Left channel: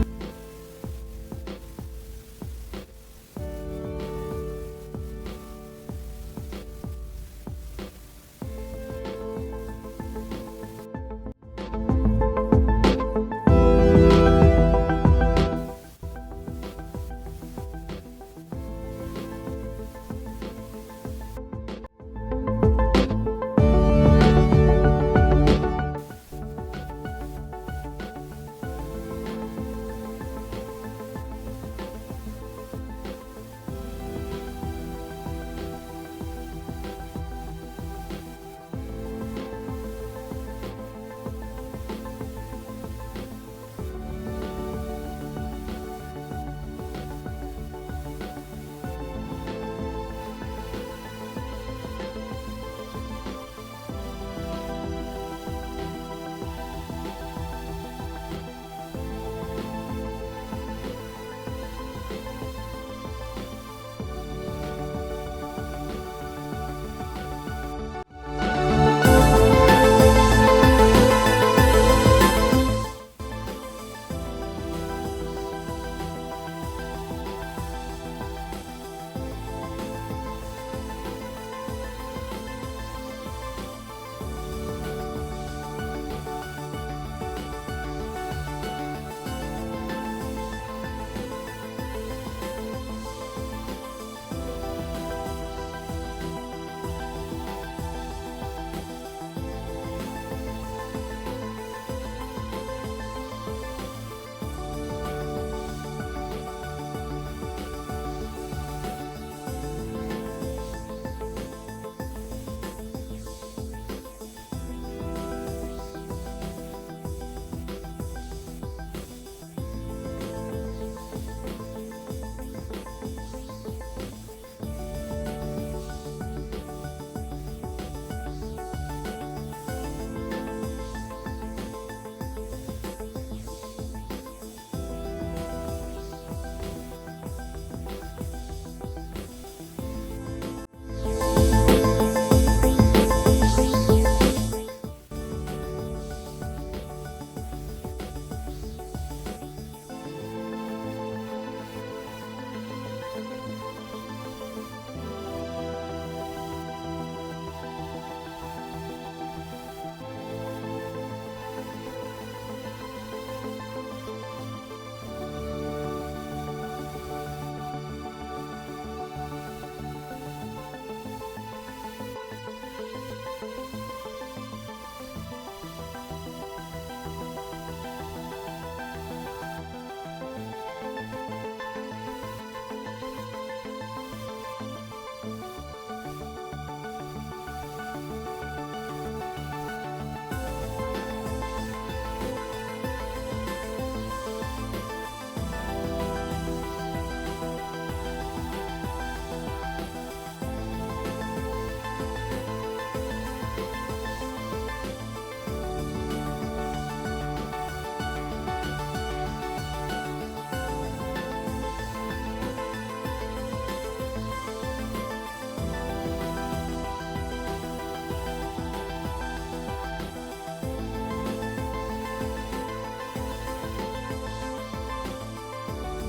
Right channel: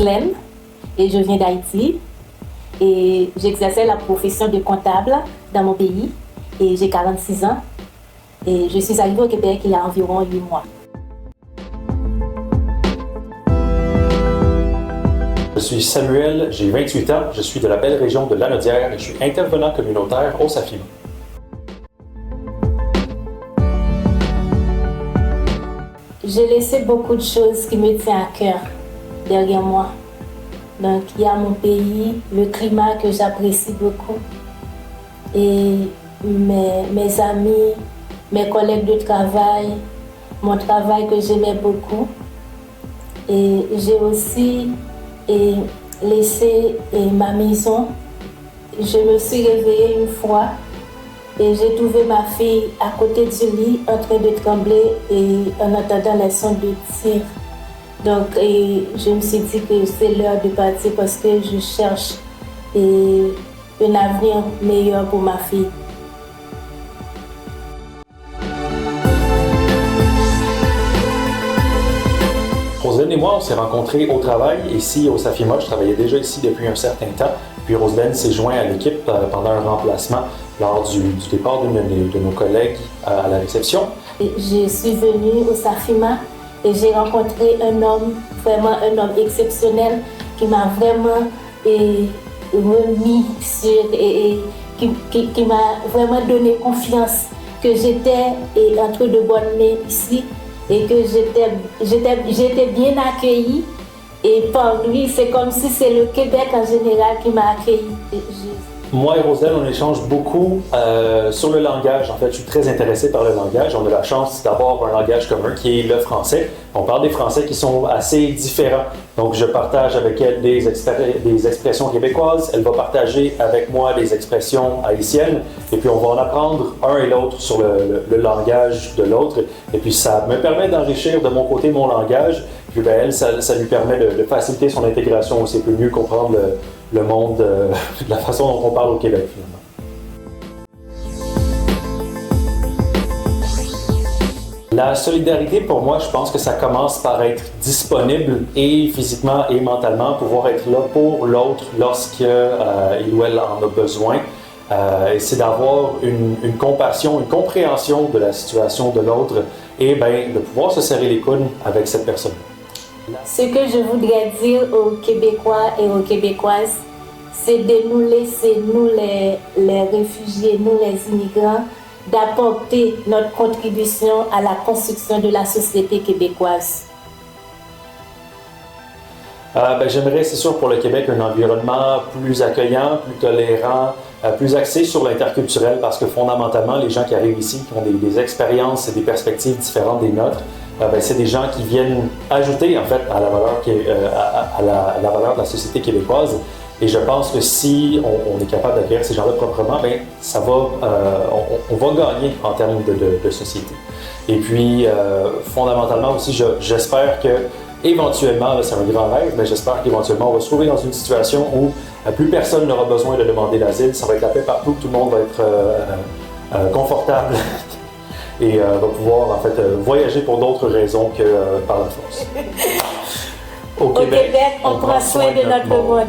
Roselaine et je viens d'Haïti et j'exerçais la profession de comptable dans mon pays et j'ai 46 ans et je suis arrivée au Québec il y a environ 8 mois. Je suis Samuel, j'ai 28 ans, je suis de la belle région de Lanaudière et je suis intervenant communautaire au SAFIMA. J'ai laissé beaucoup de choses qui me tiennent à cœur derrière moi. Donc il y a mon pays, le climat que j'apprécie beaucoup et mes amis, mes collègues de travail, mon travail que j'aimais beaucoup. Et j'ai aussi laissé ma maison. Je me suis réveillée une fois et j'ai trouvé ma fille à côté du lit en train de trembler et en entendant les sons de tir. Donc je me suis dit que c'est l'heure de partir parce que je cherche un avenir meilleur pour ma fille. Roselaine et moi, on s'est rencontrés au travail ici au SAFIMA. Je travaillais déjà ici depuis un certain temps. Puis Roselaine s'est jointe à l'équipe pendant un remplacement lors du départ de nos collègues à la réception. Je suis venue au SAFIMA et j'ai rencontré un homme, vraiment un homme exceptionnel qui m'a vraiment remis sur et qui m'a vraiment donné confiance que j'étais entre de bonnes mains ici et que j'étais bien accueillie. Et par lui, c'est comme si c'est le Québec en général qui m'a accueillie. Moi et Roselaine, on échange beaucoup sur le langage. En fait, je suis très intéressé par le langage. On a la chance d'avoir un langage commun qui est le français. On parle des français qui sont assez différents. Donc, je partage avec elle des expressions québécoises. Elle va partager avec moi des expressions haïtiennes. Et puis, on va en apprendre un et l'autre sur le langage de l'autre. Et puis, ça me permet d'enrichir de mon côté mon langage. Puis, ben, elle, ça lui permet de faciliter son intégration aussi, peut mieux comprendre le monde de la façon dont on parle au Québec, finalement. La solidarité, pour moi, je pense que ça commence par être disponible et physiquement et mentalement, pouvoir être là pour l'autre lorsqu'il ou elle en a besoin. Et c'est d'avoir une compassion, une compréhension de la situation de l'autre et de pouvoir se serrer les coudes avec cette personne. Ce que je voudrais dire aux Québécois et aux Québécoises, c'est de nous laisser, nous les réfugiés, nous les immigrants, d'apporter notre contribution à la construction de la société québécoise. J'aimerais, c'est sûr, pour le Québec, un environnement plus accueillant, plus tolérant, plus axé sur l'interculturel, parce que fondamentalement, les gens qui arrivent ici, qui ont des expériences et des perspectives différentes des nôtres, c'est des gens qui viennent ajouter en fait à la valeur, la valeur de la société québécoise. Et je pense que si on est capable d'accueillir ces gens-là proprement, on va gagner en termes de société. Et puis, fondamentalement aussi, j'espère que éventuellement, c'est un grand rêve, mais j'espère qu'éventuellement on va se trouver dans une situation où plus personne n'aura besoin de demander l'asile, ça va être la paix partout, tout le monde va être confortable et va pouvoir en fait voyager pour d'autres raisons que par la force. Au Québec, on prend soin de notre monde.